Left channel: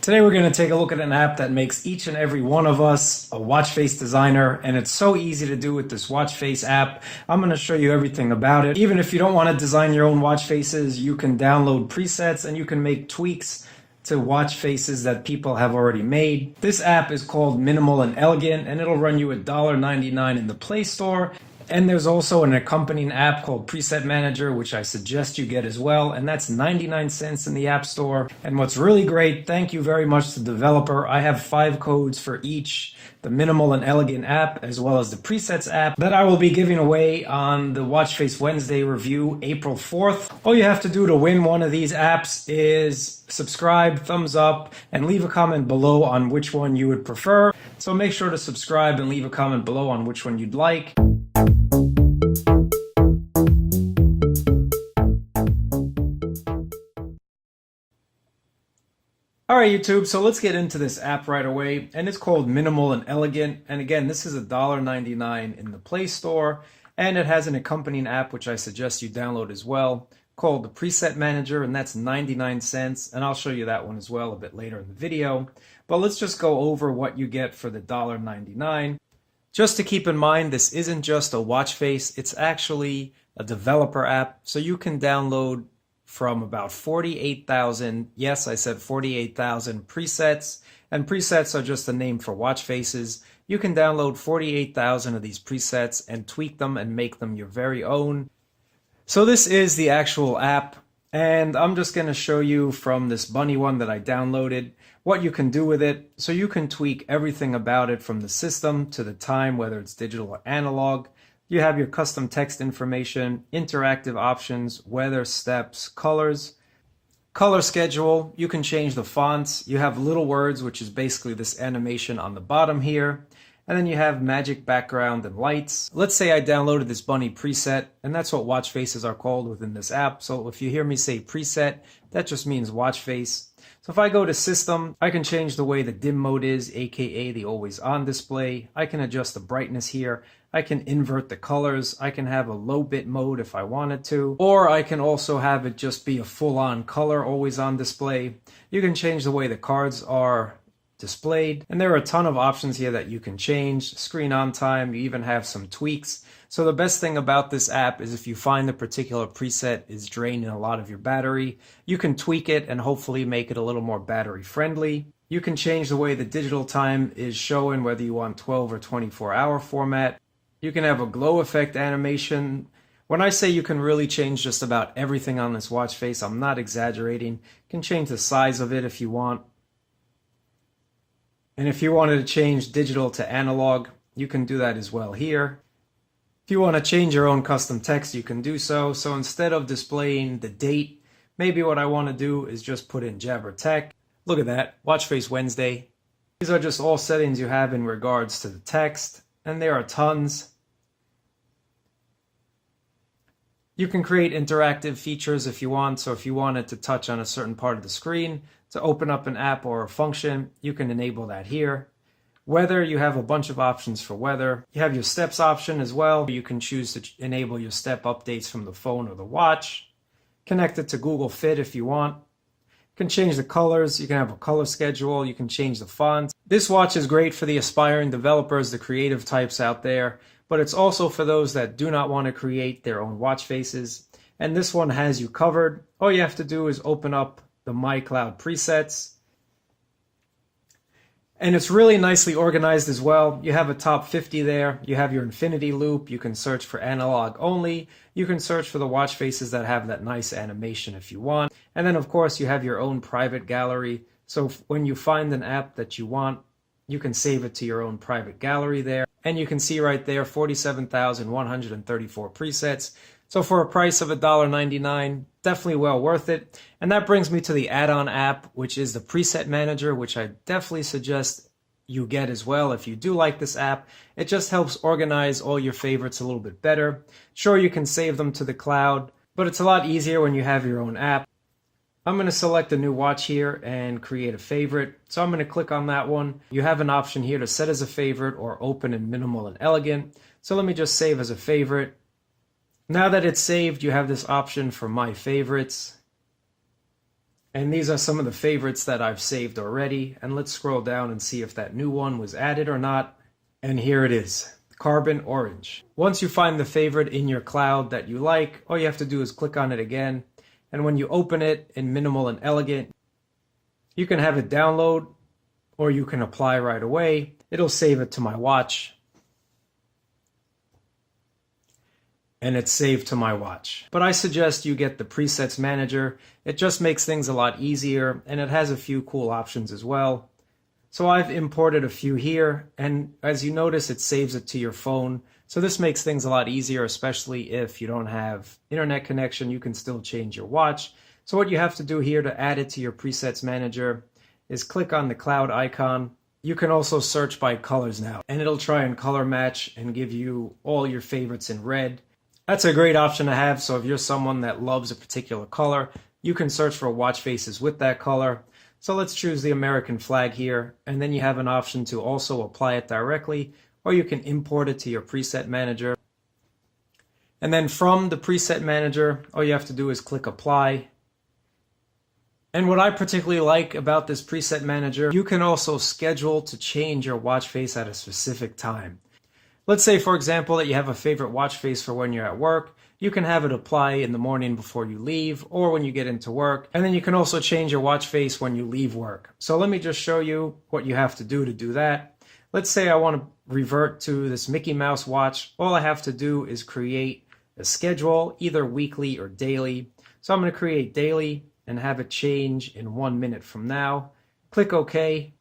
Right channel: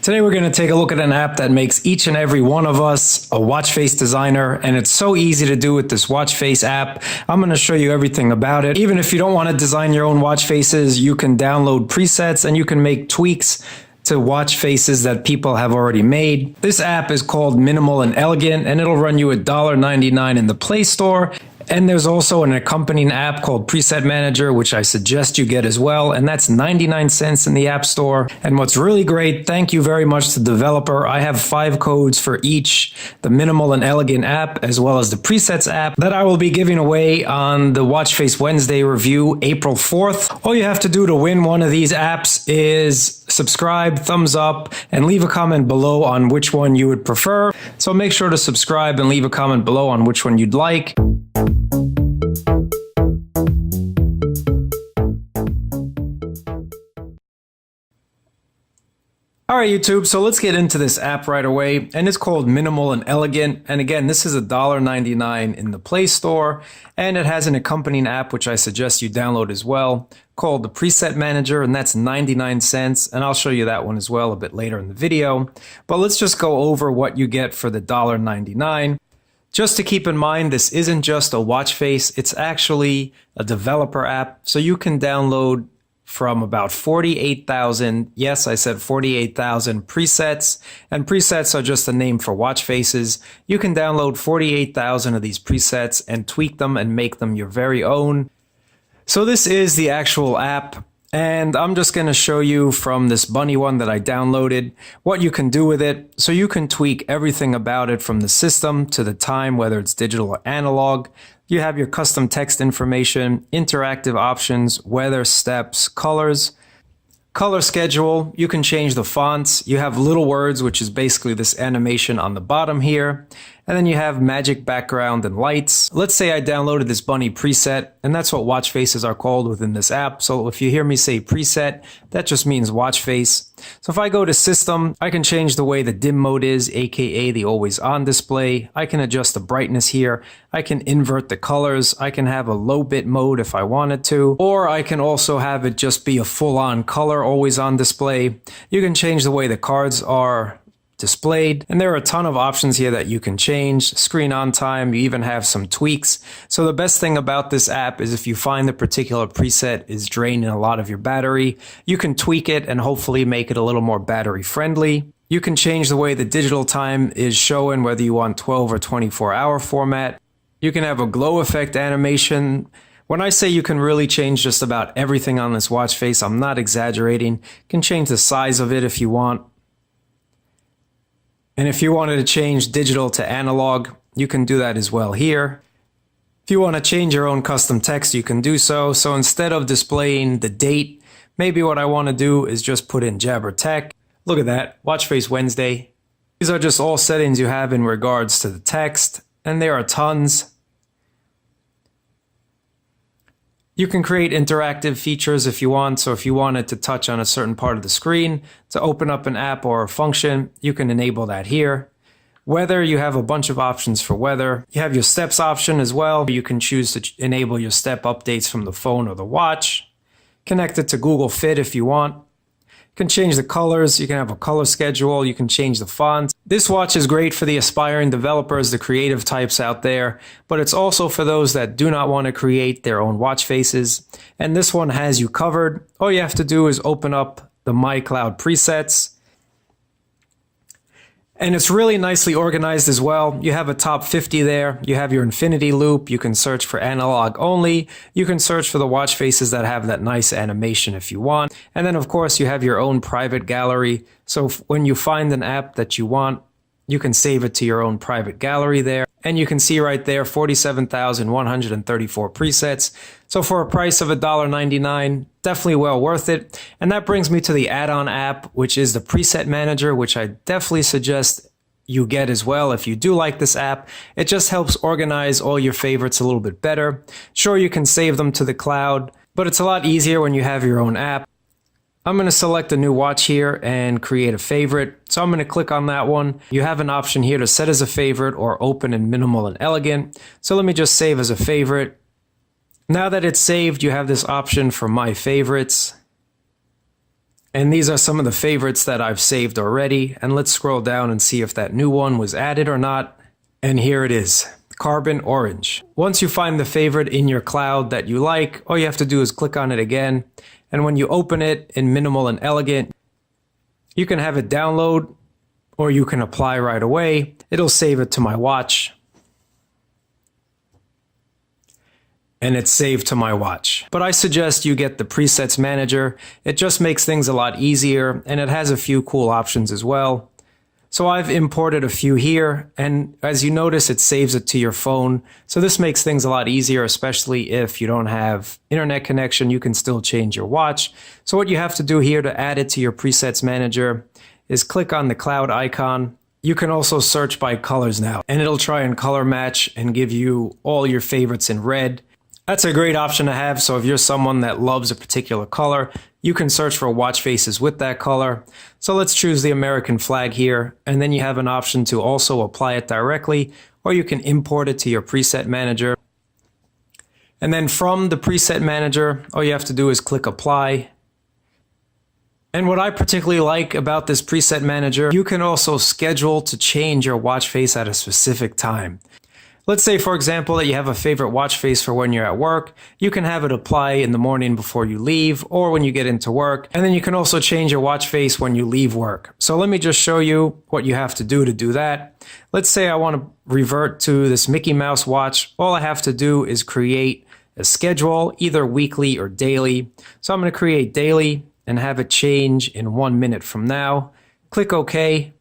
Today we're going to take a look at an app that makes each and every one of us a watch face designer, and it's so easy to do with this watch face app. I'm going to show you everything about it. Even if you don't want to design your own watch faces, you can download presets and you can make tweaks to watch faces that people have already made. This app is called Minimal and Elegant, and it'll run you $1.99 in the Play Store. And there's also an accompanying app called Preset Manager, which I suggest you get as well, and that's 99 cents in the App Store. And what's really great, thank you very much to the developer. I have 5 codes for each, the Minimal and Elegant app, as well as the Presets app, that I will be giving away on the Watch Face Wednesday review, April 4th. All you have to do to win one of these apps is subscribe, thumbs up, and leave a comment below on which one you would prefer. So make sure to subscribe and leave a comment below on which one you'd like. Alright YouTube, so let's get into this app right away, and it's called Minimal and Elegant, and again this is $1.99 in the Play Store, and it has an accompanying app which I suggest you download as well, called the Preset Manager, and that's 99 cents, and I'll show you that one as well a bit later in the video. But let's just go over what you get for the $1.99. Just to keep in mind, this isn't just a watch face, it's actually a developer app, so you can download from about 48,000, yes, I said 48,000 presets, and presets are just a name for watch faces. You can download 48,000 of these presets and tweak them and make them your very own. So this is the actual app, and I'm just going to show you from this bunny one that I downloaded what you can do with it. So you can tweak everything about it from the system to the time, whether it's digital or analog. You have your custom text information, interactive options, weather, steps, colors, color schedule. You can change the fonts. You have little words, which is basically this animation on the bottom here. And then you have magic background and lights. Let's say I downloaded this bunny preset, and that's what watch faces are called within this app. So if you hear me say preset, that just means watch face. So if I go to system, I can change the way the dim mode is, aka the always on display. I can adjust the brightness here. I can invert the colors. I can have a low bit mode if I wanted to, or I can also have it just be a full on color always on display. You can change the way the cards are displayed, and there are a ton of options here that you can change. Screen on time, you even have some tweaks. So the best thing about this app is if you find the particular preset is draining a lot of your battery, you can tweak it and hopefully make it a little more battery friendly. You can change the way the digital time is showing, whether you want 12 or 24-hour format. You can have a glow effect animation. When I say you can really change just about everything on this watch face, I'm not exaggerating. You can change the size of it if you want. And if you wanted to change digital to analog, you can do that as well here. If you want to change your own custom text, you can do so. So instead of displaying the date, maybe what I want to do is just put in Jabber Tech. Look at that, Watch Face Wednesday. These are just all settings you have in regards to the text, and there are tons. You can create interactive features if you want. So if you wanted to touch on a certain part of the screen to open up an app or a function, you can enable that here. Weather, you have a bunch of options for weather. You have your steps option as well. You can choose to enable your step updates from the phone or the watch. Connect it to Google Fit if you want. You can change the colors, you can have a color schedule, you can change the font. This watch is great for the aspiring developers, the creative types out there, but it's also for those that do not want to create their own watch faces. And this one has you covered. All you have to do is open up the My Cloud presets. And it's really nicely organized as well. You have a top 50 there. You have your infinity loop. You can search for analog only. You can search for the watch faces that have that nice animation if you want. And then of course you have your own private gallery. So when you find an app that you want, you can save it to your own private gallery there. And you can see right there 47,134 presets. So for a price of $1.99, definitely well worth it. And that brings me to the add-on app, which is the Preset Manager, which I definitely suggest you get as well if you do like this app. It just helps organize all your favorites a little bit better. Sure, you can save them to the cloud, but it's a lot easier when you have your own app. I'm going to select a new watch here and create a favorite. So I'm going to click on that one. You have an option here to set as a favorite or open in Minimal and Elegant. So let me just save as a favorite. Now that it's saved, you have this option for My Favorites. And these are some of the favorites that I've saved already. And let's scroll down and see if that new one was added or not. And here it is, Carbon Orange. Once you find the favorite in your cloud that you like, all you have to do is click on it again. And when you open it in Minimal and Elegant, you can have it download or you can apply right away. It'll save it to my watch. And it's saved to my watch. But I suggest you get the Presets Manager. It just makes things a lot easier and it has a few cool options as well. So I've imported a few here, and as you notice, it saves it to your phone. So this makes things a lot easier, especially if you don't have internet connection, you can still change your watch. So what you have to do here to add it to your Presets Manager is click on the cloud icon. You can also search by colors now, and it'll try and color match and give you all your favorites in red. That's a great option to have, so if you're someone that loves a particular color, you can search for watch faces with that color. So let's choose the American flag here, and then you have an option to also apply it directly, or you can import it to your preset manager. And then from the preset manager, all you have to do is click apply. And what I particularly like about this preset manager, you can also schedule to change your watch face at a specific time. Let's say, for example, that you have a favorite watch face for when you're at work. You can have it apply in the morning before you leave or when you get into work. And then you can also change your watch face when you leave work. So let me just show you what you have to do that. Let's say I want to revert to this Mickey Mouse watch. All I have to do is create a schedule, either weekly or daily. So I'm going to create daily and have it change in 1 minute from now. Click OK.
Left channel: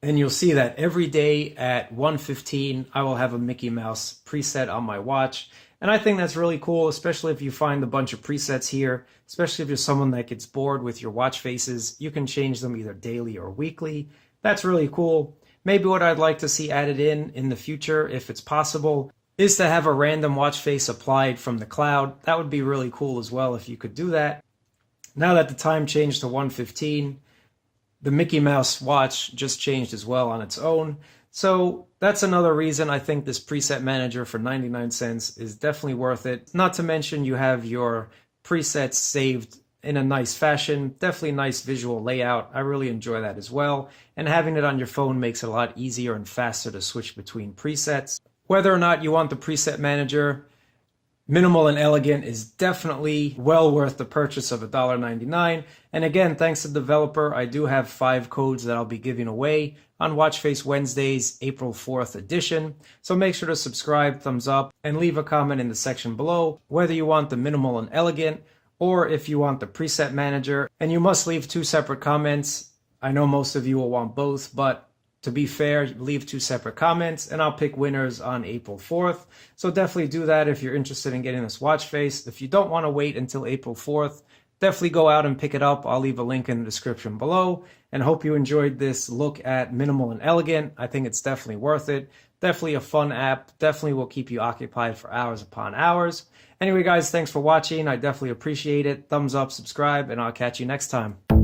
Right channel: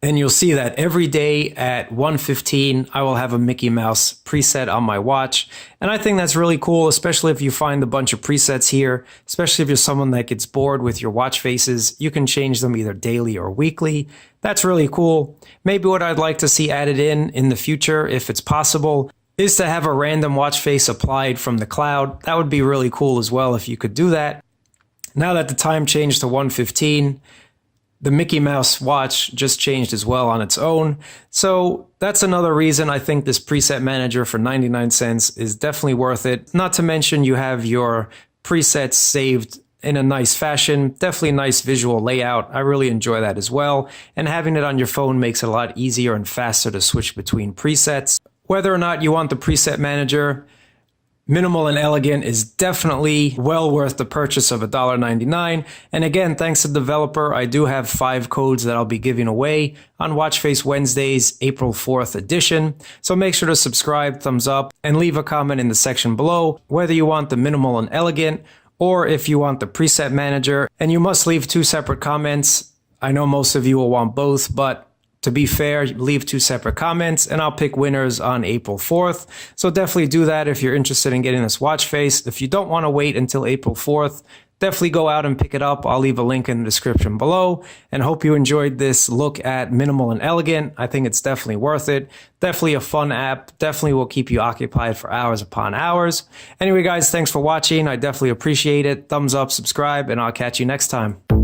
And you'll see that every day at 1:15, I will have a Mickey Mouse preset on my watch. And I think that's really cool, especially if you find a bunch of presets here, especially if you're someone that gets bored with your watch faces. You can change them either daily or weekly. That's really cool. Maybe what I'd like to see added in the future, if it's possible, is to have a random watch face applied from the cloud. That would be really cool as well if you could do that. Now that the time changed to 1:15, the Mickey Mouse watch just changed as well on its own. So that's another reason I think this preset manager for 99 cents is definitely worth it. Not to mention you have your presets saved in a nice fashion, definitely a nice visual layout. I really enjoy that as well. And having it on your phone makes it a lot easier and faster to switch between presets. Whether or not you want the preset manager, Minimal and Elegant is definitely well worth the purchase of $1.99. And again, thanks to the developer, I do have 5 codes that I'll be giving away on Watch Face Wednesdays, April 4th edition. So make sure to subscribe, thumbs up, and leave a comment in the section below, whether you want the Minimal and Elegant or if you want the preset manager. And you must leave 2 separate comments. I know most of you will want both, but to be fair, leave 2 separate comments and I'll pick winners on April 4th. So definitely do that if you're interested in getting this watch face. If you don't want to wait until April 4th, definitely go out and pick it up. I'll leave a link in the description below, and hope you enjoyed this look at Minimal and Elegant. I think it's definitely worth it. Definitely a fun app. Definitely will keep you occupied for hours upon hours. Anyway, guys, thanks for watching. I definitely appreciate it. Thumbs up, subscribe, and I'll catch you next time.